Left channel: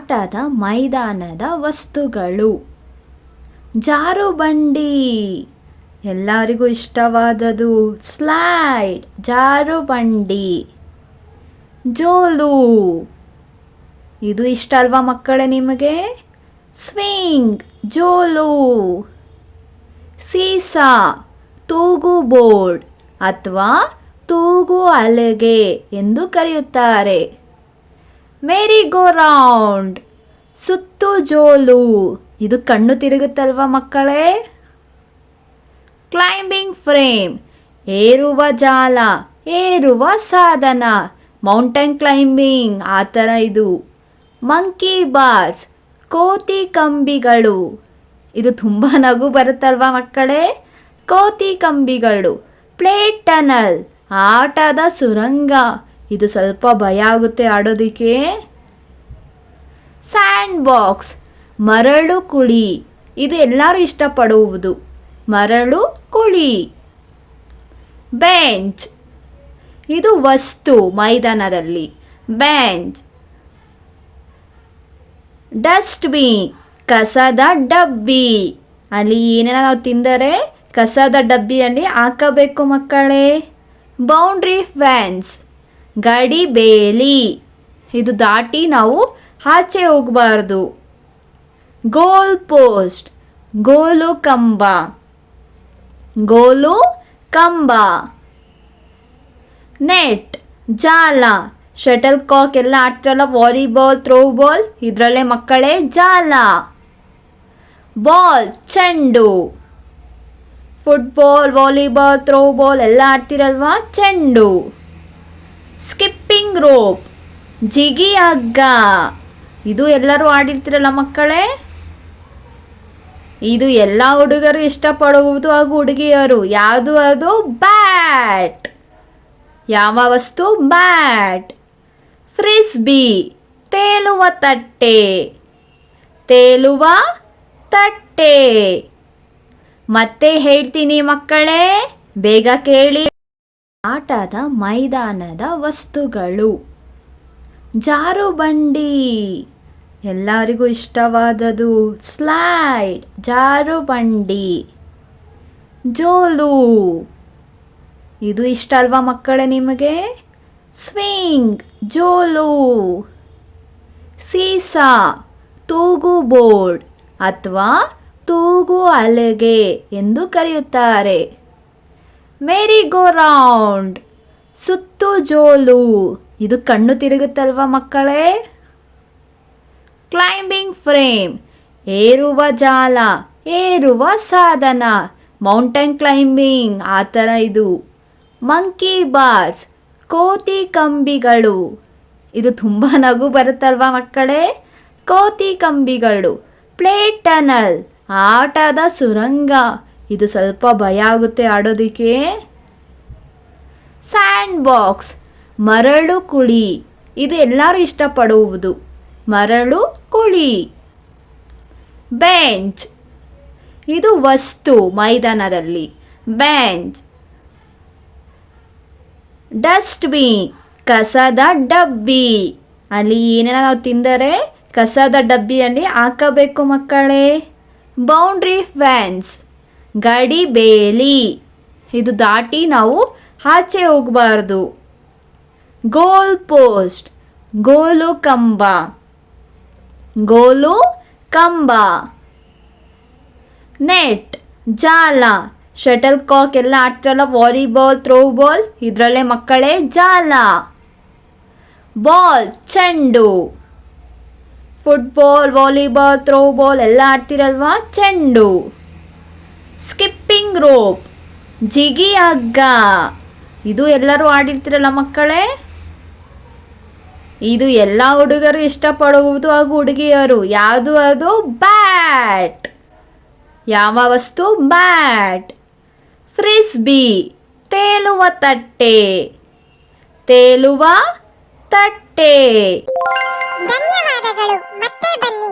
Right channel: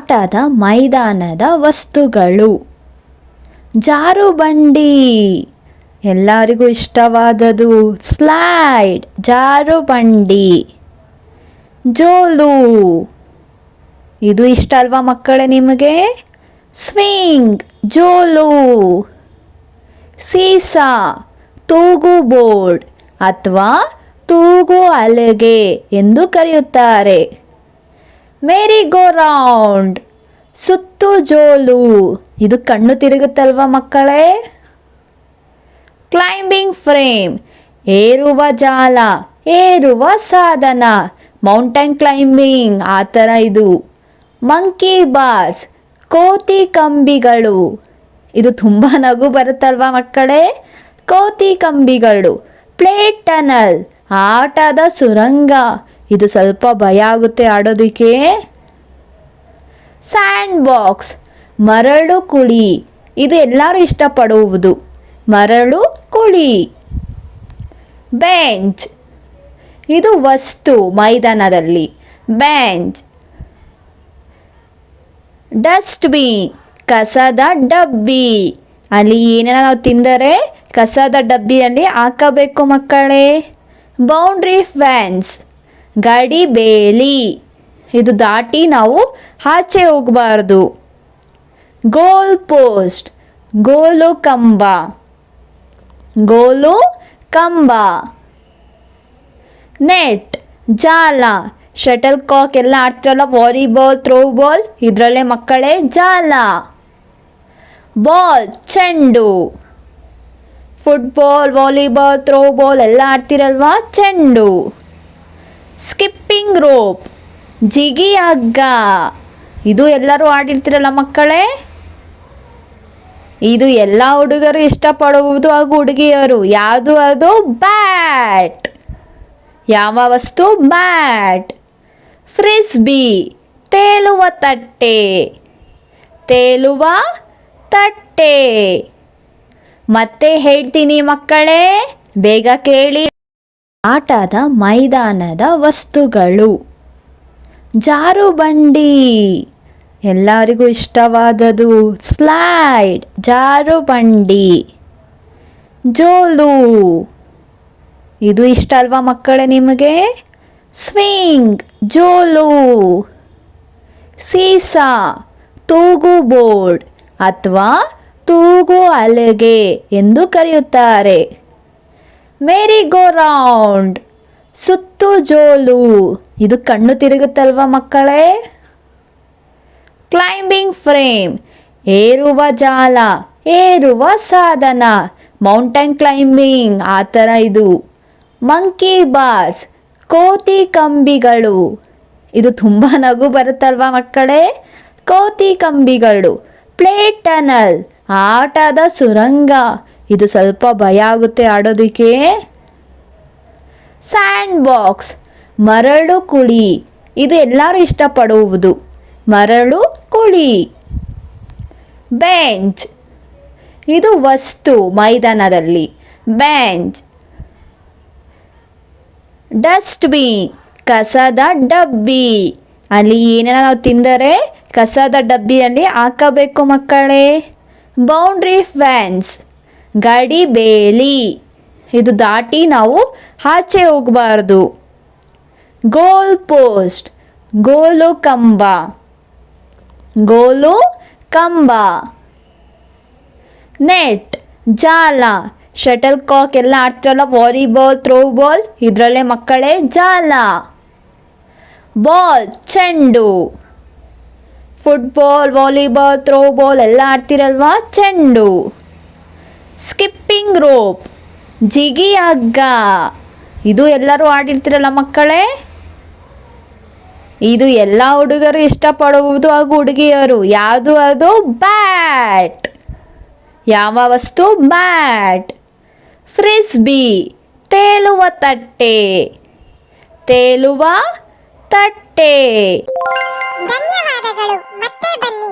ಆಟದ ಮೈದಾನದ ವಸ್ತುಗಳು. ಜಾರುಬಂಡಿ, ಎಲ್ಲರಿಗೂ ಇಷ್ಟವಾದದು. ಸ್ಲೈಡ್, ಜಾರುಬಂಡಿ. ಜೋಲು, ಇದು ಇಷ್ಟ ಅಲ್ವಾ ಮಕ್ಕಳೇ ನಿಮಗೆ? ಸ್ವಿಂಗ್, ಜೋಲು. ಸೀಸಾ, ತೂಗು ಬೋರ್ಡ್ ಅಥವಾ ತೂಗು ಹಲಗೆ ಎಂದು ಕರೆಯುತ್ತಾರೆ. ಮೇರಿ ಗೋ ರೌಂಡ್, ಸುತ್ತು ಜೋಲು, ಇದು ಕಣ್ಣು ತಿರುಗುತ್ತಲ್ವ ಮಕ್ಕಳೇ? ಕ್ಲೈಂಬಿಂಗ್ ಫ್ರೇಮ್, ಏರುವ ಜಾಲ, ಏರುವ ಸಾಧನ. ಮೌಂಟೇನ್ ಕ್ಲೈಂಬಿಂಗ್ ಆ ಥರ ಇದು. ಮಂಕಿ ಬಾರ್ಸ್, ಕೋತಿ ಕಂಬಿಗಳು, ಇದು ತುಂಬ ನಗು ಬರುತ್ತಲ್ವ ಮಕ್ಕಳೇ? ಕೋತಿ ಕಂಬಿಗಳು. ಪ್ಲೇಟ್ ಟನಲ್, ಆಟದ ಸುರಂಗ, ಇದು ಸ್ವಲ್ಪ ಭಯ ಆಗುತ್ತೆ ಆಡೋದಕ್ಕೆ. ಸ್ಯಾಂಡ್ ಬಾಕ್ಸ್, ಮರಳು ಕುಳಿ, ಇದು ಎಲ್ಲರೂ ಇಷ್ಟಪಡುವುದು. ಮರಳು ಕುಳಿ. ಬೆಂಚ್, ಇದು ವಸ್ತು ಮೈದಾನದಲ್ಲಿ. ಬೆಂಚ್. ಡಸ್ಟ್ಬಿನ್, ಕಸದ ಡಬ್ಬಿ, ಅಲ್ಲಿ ಏನೇನೋ ನಾವು ತಿಂದರೆ ಕಸದ ಡಬ್ಬಿಯಲ್ಲಿ ಹಾಕಬೇಕು ಮಕ್ಕಳೇ. ಬೌಂಡ್ರಿ ಫೆನ್ಸ್, ಗಡಿ ಬೇಲಿ, ಇದು ದಾಟಿ ನಾವು ಆಚೆ ಹೋಗಬಾರ್ದು. ಗೋಲ್ ಪೋಸ್ಟ್, ಗೋಲು ಕಂಬ. ಗೋಲು ಕಂಬ. ನೆಟ್, ಜಾಲ, ಶಟಲ್ ಕಾಕ್ ಎಲ್ಲ ಆಡ್ತಾರಲ್ಲ, ವಾಲಿಬಾಲ್, ಥ್ರೋಬಾಲ್, ಇದರಲ್ಲೇ ಮಕ್ಕಳೇ ಜಾಲ. ಬಾಲ್, ಚೆಂಡು. ಫುಟ್ಬಾಲ್, ವಾಲಿಬಾಲ್, ಥ್ರೋಬಾಲ್ ಎಲ್ಲ ಆಡ್ತಿರಲ್ವಾ, ಚೆಂಡು. ಸ್ಕಿಪ್ಪಿಂಗ್ ರೋಪ್, ಜಿಗಿ ಹಗ್ಗ, ಇದು ಎಲ್ಲರೂ ಆಡಿರ್ತಿರಲ್ಲ ಮಕ್ಕಳೇ? ಇದು ಎಲ್ಲ ಹುಡುಗರು ಇಷ್ಟಪಡುವುದು ಹಾಗೂ ಹುಡುಗಿಯರು. ಯಾವುದು ಅದು? ಬ್ಯಾಟ್. ಯಾವ ವಸ್ತು? ಬ್ಯಾಟ್. ಫ್ರಿಸ್ಬಿ, ತೇಲುವ ತಟ್ಟೆ. ತೇಲುವ ತಟ್ಟೆ. ಮತ್ತೆ ಹೇಳ್ತೀನಿ ಮಕ್ಕಳೇ, ಬೇಗ ಕೇಳಿ. ಆಟದ ಮೈದಾನದ ವಸ್ತುಗಳು. ಜಾರುಬಂಡಿ, ಎಲ್ಲರಿಗೂ ಇಷ್ಟವಾದದು. ಸ್ಲೈಡ್, ಜಾರುಬಂಡಿ. ಜೋಲು, ಇದು ಇಷ್ಟ ಅಲ್ವಾ ಮಕ್ಕಳೇ ನಿಮಗೆ? ಸ್ವಿಂಗ್, ಜೋಲು. ಸೀಸಾ, ತೂಗು ಬೋರ್ಡ್ ಅಥವಾ ತೂಗು ಹಲಗೆ ಎಂದು ಕರೆಯುತ್ತಾರೆ. ಮೇರಿ ಗೋ ರೌಂಡ್, ಸುತ್ತು ಜೋಲು, ಇದು ಕಣ್ಣು ತಿರುಗುತ್ತಲ್ವ ಮಕ್ಕಳೇ? ಕ್ಲೈಂಬಿಂಗ್ ಫ್ರೇಮ್, ಏರುವ ಜಾಲ, ಏರುವ ಸಾಧನ. ಮೌಂಟೇನ್ ಕ್ಲೈಂಬಿಂಗ್ ಆ ಥರ ಇದು. ಮಂಕಿ ಬಾರ್ಸ್, ಕೋತಿ ಕಂಬಿಗಳು, ಇದು ತುಂಬ ನಗು ಬರುತ್ತಲ್ವ ಮಕ್ಕಳೇ? ಕೋತಿ ಕಂಬಿಗಳು. ಪ್ಲೇಟ್ ಟನಲ್, ಆಟದ ಸುರಂಗ, ಇದು ಸ್ವಲ್ಪ ಭಯ ಆಗುತ್ತೆ ಆಡೋದಕ್ಕೆ. ಸ್ಯಾಂಡ್ ಬಾಕ್ಸ್, ಮರಳು ಕುಳಿ, ಇದು ಎಲ್ಲರೂ ಇಷ್ಟಪಡುವುದು. ಮರಳು ಕುಳಿ. ಬೆಂಚ್, ಇದು ವಸ್ತು ಮೈದಾನದಲ್ಲಿ. ಬೆಂಚ್. ಡಸ್ಟ್ಬಿನ್, ಕಸದ ಡಬ್ಬಿ, ಅಲ್ಲಿ ಏನೇನೋ ನಾವು ತಿಂದರೆ ಕಸದ ಡಬ್ಬಿಯಲ್ಲಿ ಹಾಕಬೇಕು ಮಕ್ಕಳೇ. ಬೌಂಡ್ರಿ ಫೆನ್ಸ್, ಗಡಿ ಬೇಲಿ, ಇದು ದಾಟಿ ನಾವು ಆಚೆ ಹೋಗಬಾರ್ದು. ಗೋಲ್ ಪೋಸ್ಟ್, ಗೋಲು ಕಂಬ. ಗೋಲು ಕಂಬ. ನೆಟ್, ಜಾಲ, ಶಟಲ್ ಕಾಕ್ ಎಲ್ಲ ಆಡ್ತಾರಲ್ಲ, ವಾಲಿಬಾಲ್, ಥ್ರೋಬಾಲ್, ಇದರಲ್ಲೇ ಮಕ್ಕಳೇ ಜಾಲ. ಬಾಲ್, ಚೆಂಡು. ಫುಟ್ಬಾಲ್, ವಾಲಿಬಾಲ್, ಥ್ರೋಬಾಲ್ ಎಲ್ಲ ಆಡ್ತಿರಲ್ವಾ, ಚೆಂಡು. ಸ್ಕಿಪ್ಪಿಂಗ್ ರೋಪ್, ಜಿಗಿ ಹಗ್ಗ, ಇದು ಎಲ್ಲರೂ ಆಡಿರ್ತಿರಲ್ಲ ಮಕ್ಕಳೇ? ಇದು ಎಲ್ಲ ಹುಡುಗರು ಇಷ್ಟಪಡುವುದು ಹಾಗೂ ಹುಡುಗಿಯರು. ಯಾವುದು ಅದು? ಬ್ಯಾಟ್. ಯಾವ ವಸ್ತು? ಬ್ಯಾಟ್. ಫ್ರಿಸ್ಬಿ, ತೇಲುವ ತಟ್ಟೆ. ತೇಲುವ ತಟ್ಟೆ. ಧನ್ಯವಾದಗಳು. ಮತ್ತೆ ಬನ್ನಿ.